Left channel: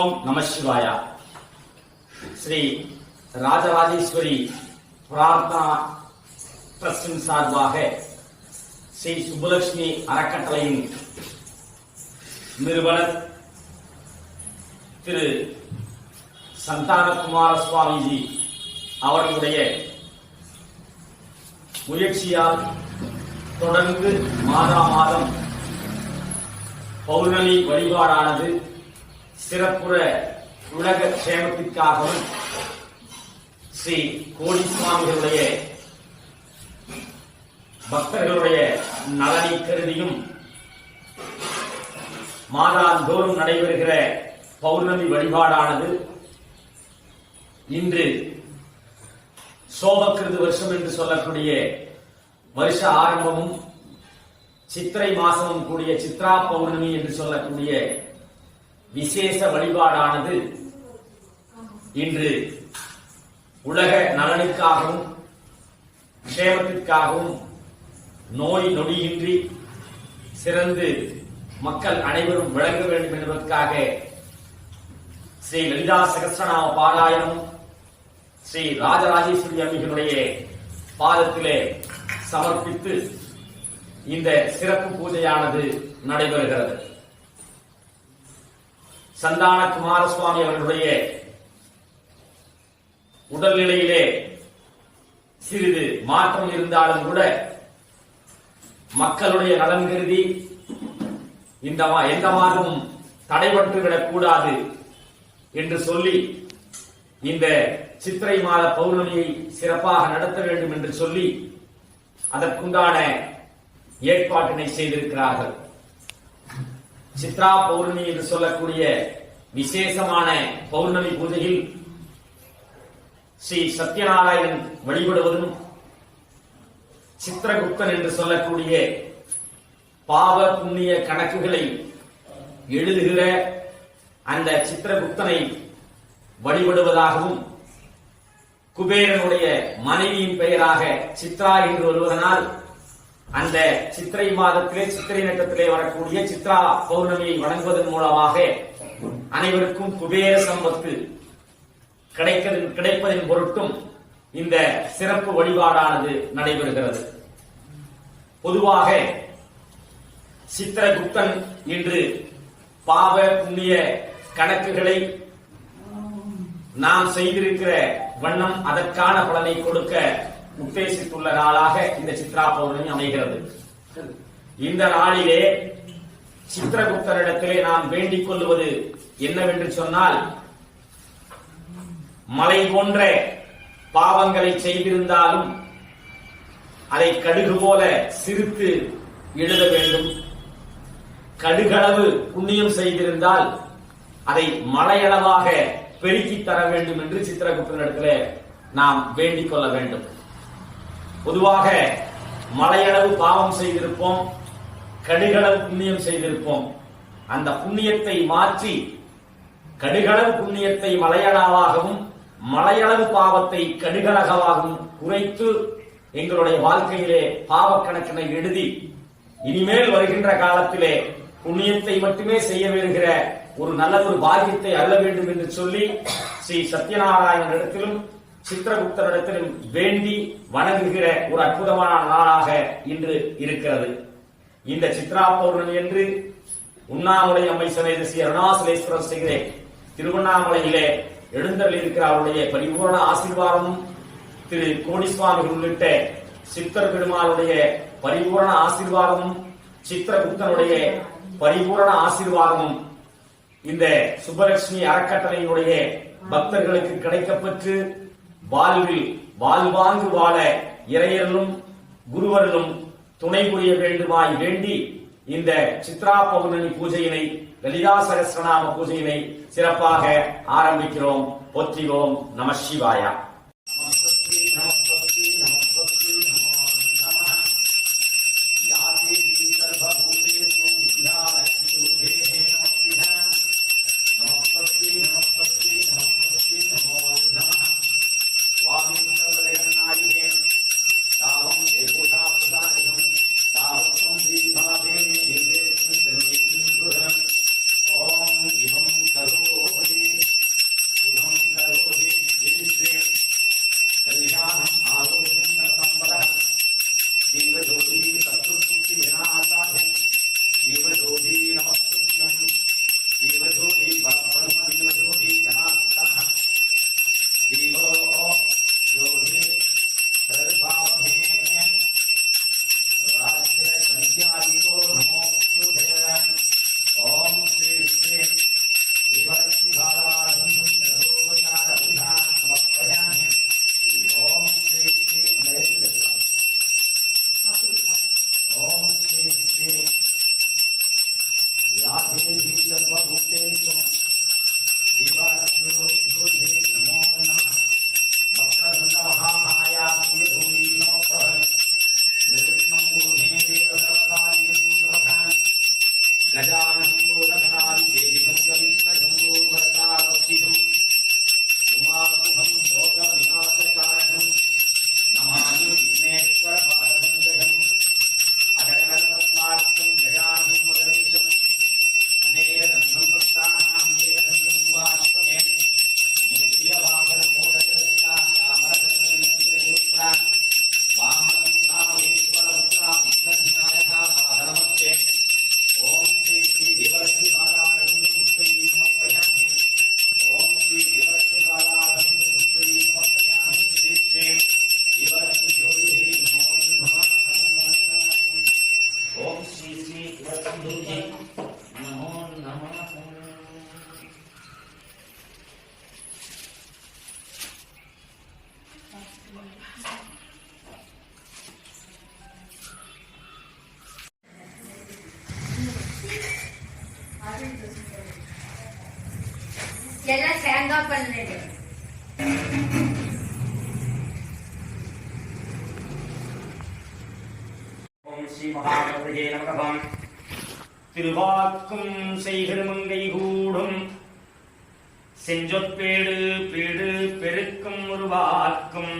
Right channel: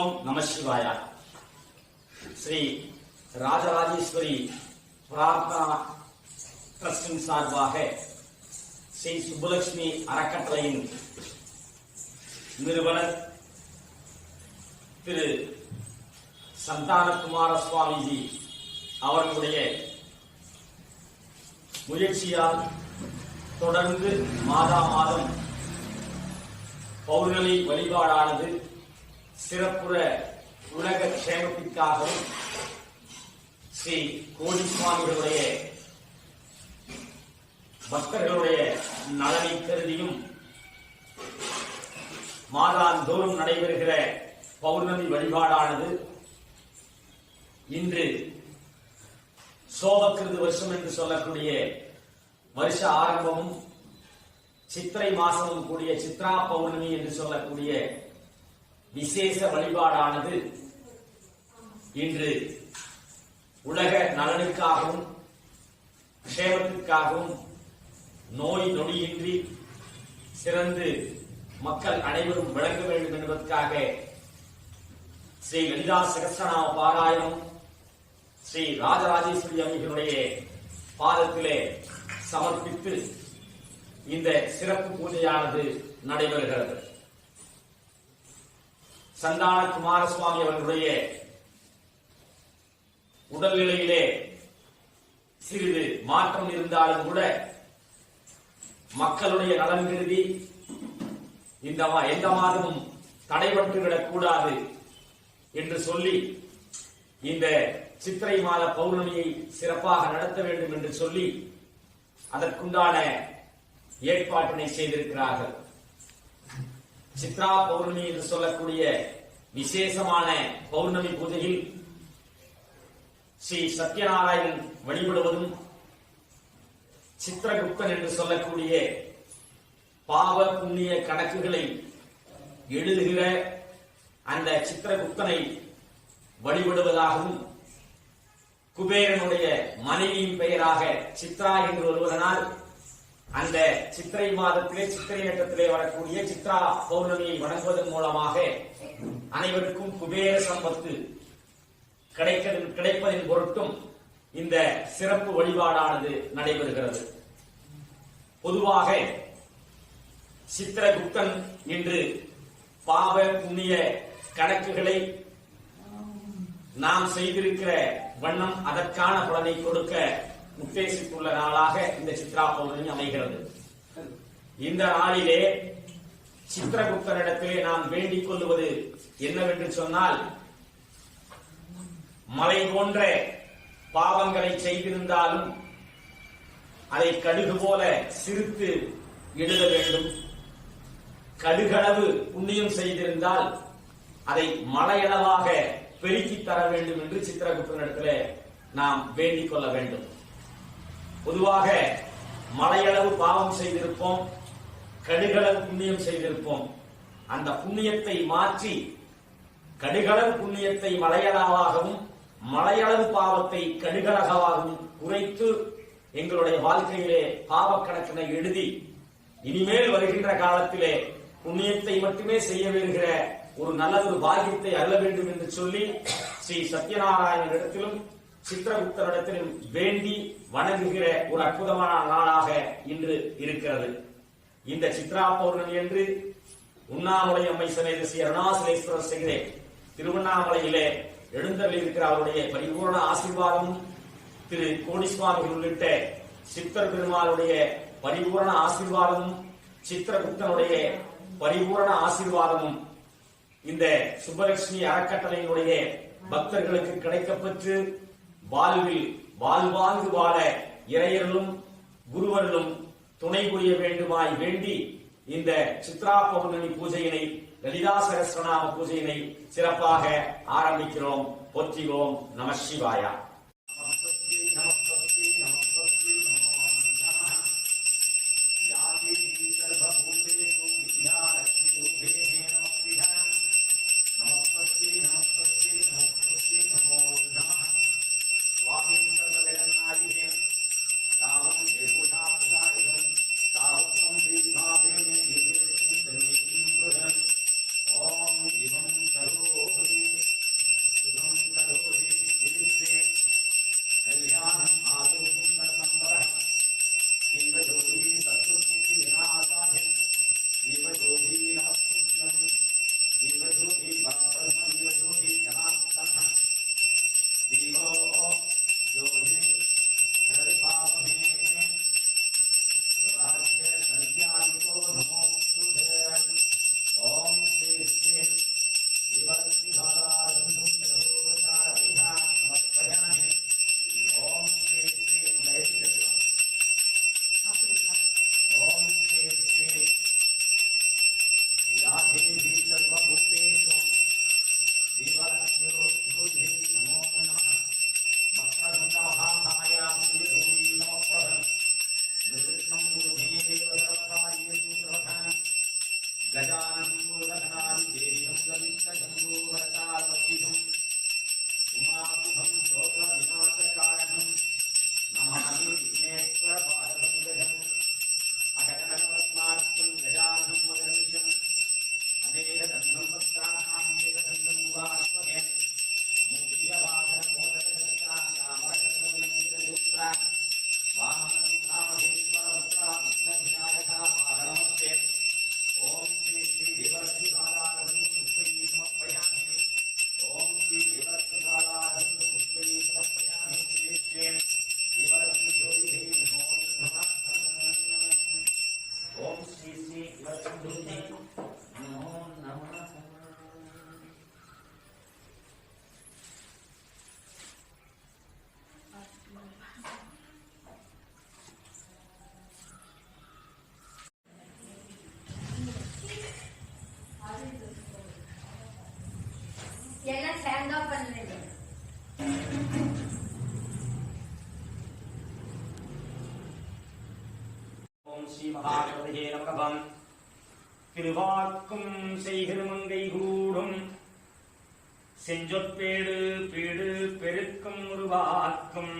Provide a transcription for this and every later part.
ஓம் நம சிவாயா. ஸ்ரீ ராஜராஜேஸ்வரி பிரார்த்தனா ட்ரஸ்டின் சார்பாக ஸ்ரீ சுப்புலட்சுமி அறக்கட்டளையின் நிறுவனர் திரு சந்தானகுமார சுவாமிஜி அவர்களுடைய முயற்சியால் தொடர்ந்து மாதம் பௌர்ணமி வழிபாடானது சிறப்புற உலக க்ஷேமத்திற்காகவும் ஸ்ரீ கோடி சுவாமிகளுடைய பக்தர்களுடைய நலனை கருதியும் மாதாந்தோறும் நடைபெறுகிற பௌர்ணமி வழிபாடானது இன்று சோபக்கிருது வருஷம் என்று சொல்லக்கூடிய வருஷ ஆரம்பமும் சித்திரை மாசமும் கூடிய சித்ரா பௌர்ணமி என்று சொல்லக்கூடிய விசேஷ வழிபாடானது இன்று உலக நலனுக்காகவும் க்ஷேமத்திற்காகவும் நோய் நொடியின்றி சிறந்து மக்கள் அனைவரும் விளங்க வேண்டும் என்பதற்காக ஸ்ரீ லலிதா சகஸ்ரநாம பாராயணம் ஸ்ரீ ராஜராஜேஸ்வரி அம்மைகளுடைய பாதத்திலே சமர்ப்பித்து இந்த சிறப்பு பூஜையானது நடைபெறுகிறது. சந்தான குமாரசுவாமி அவர்களுடைய உடல்நிலையிலே சிறிது மாற்றம் இருந்தாலும் கூட மக்களுடைய நலன் கருதி எந்த மாதமும் தடைபட்டுவிடக் கூடாது என்று சொல்லி இந்த சித்திரை மாத பௌர்ணமியை சிறப்பாக நடத்த வேண்டும் என்று சொல்லி அதற்குண்டான ஏற்பாட்டினை செய்திருக்கிறார்கள். சித்ரா பௌர்ணமி என்று சொல்லக்கூடிய விசேஷமான பௌர்ணமி பூஜையில் ஸ்ரீ சத்யநாராயணன் வழிபடுவதும் சித்திரகுப்தன் என்று சொல்லக்கூடிய பாவ புண்ணிய கணக்குகளை எழுதுகிற அந்த சித்திரகுப்தனை வழிபடுவதாகவும் குபேரனுடைய மனைவியின் பெயராக சித்ரா என்று வருவதனால் அந்த சித்திரை மாதத்திலே சித்திரை நட்சத்திலே வரக்கூடிய சித்ரா பௌர்ணமியை வணங்குவதன் மூலமாக அனைவருக்கும் குபேர சம்பத்து கிடைப்பதன் பொருட்டும் இந்த சிறப்பு வழிபாடானது நடைபெறுகிறது. பொதுவாக சித்திரகுப்தன் என்று பாவ புண்ணிய கணக்குகளை நாம் செய்திருக்கிற வண்ணம் அதற்கான பலனை கொடுக்க உத்தேசித்துள்ள நாளாக இந்த சித்ரா பௌர்ணமி அமைகிறது. இந்த நாளிலே சித்திரகுப்தனிடத்திலே நாம் வேண்டிக் கொள்வது என்னவென்று சொன்னால், மலை போன்ற பாவங்களை செய்திருந்தாலும் அதை கடுகு போல சிரித்து எழுத வேண்டும். கடுகளவு புண்ணியம் செய்திருந்தால் அதை மலையளவாக பெருக்கி தர வேண்டும் என்று சித்திரகுப்தனிடத்திலே நாம் வேண்டிக் கொள்ள வேண்டும். பொதுவாக மலையளவு பாவம் செய்திருப்போம், கடுகளவு புண்ணியம் செய்திருப்போம். அந்த புண்ணியத்தை மாற்றி கடுகளவு புண்ணியத்தை மலையளவாகவும் மலையளவு பாவத்தை கடுகளவாகவும் குறைத்து எங்களுடைய வாழ்க்கையிலே பாவக்கணக்கினை எழுதி இனிமேல் வருகின்ற காலத்திலே புண்ணியத்தை மட்டுமே செய்ய வேண்டுகிற ஒரு நல்லதொரு பாக்கியத்தை அருள வேண்டும் என்று சொல்லி ஸ்ரீ சத்யநாராயணனிடத்திலும் சித்திரகுப்தனிடத்திலும் வேண்டி வணங்குகிற ஒரு அற்புதமான நாளாக இன்று இருக்கிறது. இந்த சித்ரா பௌர்ணமி என்று உண்ணாமலை அம்மை சமேத ஸ்ரீ அருணாசலேஸ்வரர் செய்கிற திருவண்ணாமலையிலே எழுந்தருள் இருக்கிற அவருடைய பரிபூர்ண ஆசீர்வாதமும் திரு கோடிசுவாமிகள் உள்ளிட்ட சித்தர் பெருமாளுடைய பரிபூர்ண ஆசீர்வாதமும் சித்திரகுப்தனுடைய பரிபூர்ண ஆசீர்வாதமும் இந்த சுப்பலட்சுமி அறக்கட்டளையினுடைய பக்தர்களுக்கு கிடைக்கப்பெற்று வாழ்வில் வாழ்வாங்கு வாழ இறையர்களும் குருவர்களும் துணை புரிய வேண்டுமாய் வேண்டி இந்த சித்ரா பௌர்ணமி பூஜையினை லலிதா சகஸ்ரநாம பூஜையினை சிறப்பாக ஆரம்பிக்கிறோம். போற்றிவோம். நம சிவாயா. ஓம் இவம் கரோதி எல்லாம் சேர்ந்தா பண்ணுது. ஓம் ஸ்ரீ மகாகணபதியே நமக. திருவாக்கும் செய்கிருமங்கை கூடும் செஞ்சொற்பேடு பீடு பெருக்கும் உருவாக்கும்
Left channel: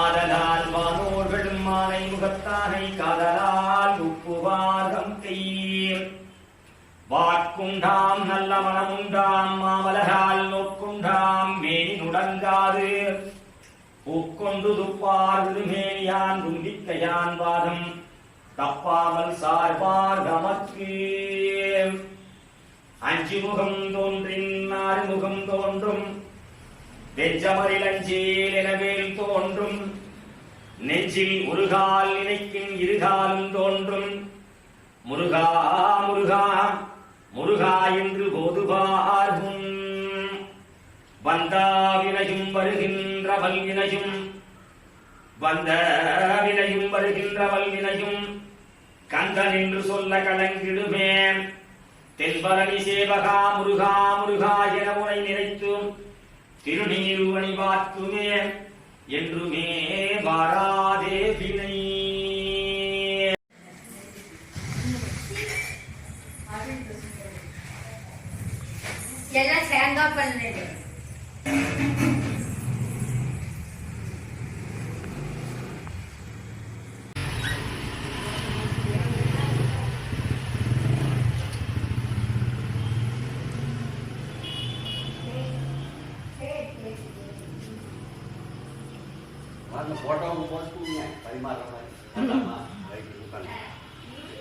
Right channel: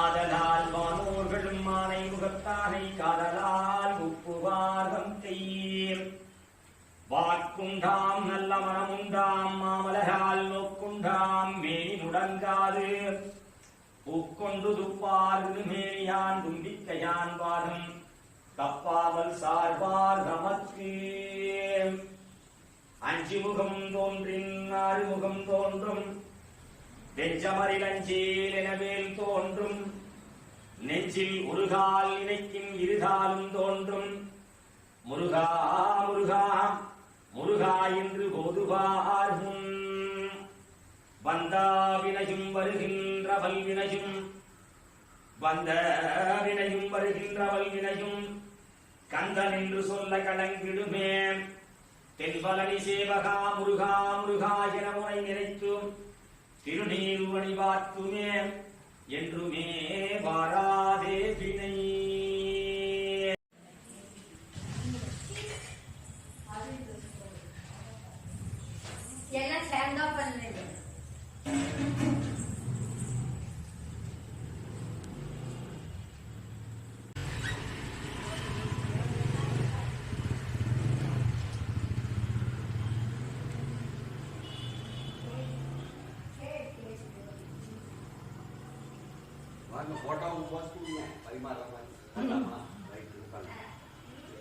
ஆதலால் வானோர்களும் மானை முகத்தானை காதலால் உப்புவார்கம் கையீர் வாக்குண்டாம் நல்ல மனமுண்டாம் மாமலரால் நோக்குண்டாம் மேனி நுடங்காது பூக்கொண்டு துப்பார் விடுமேனியான் தும்பிக்கையான் வாதம் தப்பாமல் சார்பார் தமக்கு அஞ்சு முகம் தோன்றின் ஆறு முகம் தோன்றும் வெஞ்சமரில் அஞ்சேல் எனவேல் தோன்றும் நெஞ்சில் ஒரு கால் நினைக்கும் இருகாலும் தோன்றும் முருகா முருகா முருகா என்று போதுவார் முன் வந்தா வினையும் வருகின்ற வல்வினையும் வந்த வினையும் வருகின்ற வல்வினையும் கந்தன் என்று சொல்ல கலங்கிடுமே தென்பலனி சேவகா முருகா முருகா என உனை நினைத்தும் திருநீரு அணிவாத்துமே என்றுமே வாராதே வினை. எல்லாம் சேர்ந்தா பண்ணுது. போட்டோ போட்டு பரிமாற மாதிரி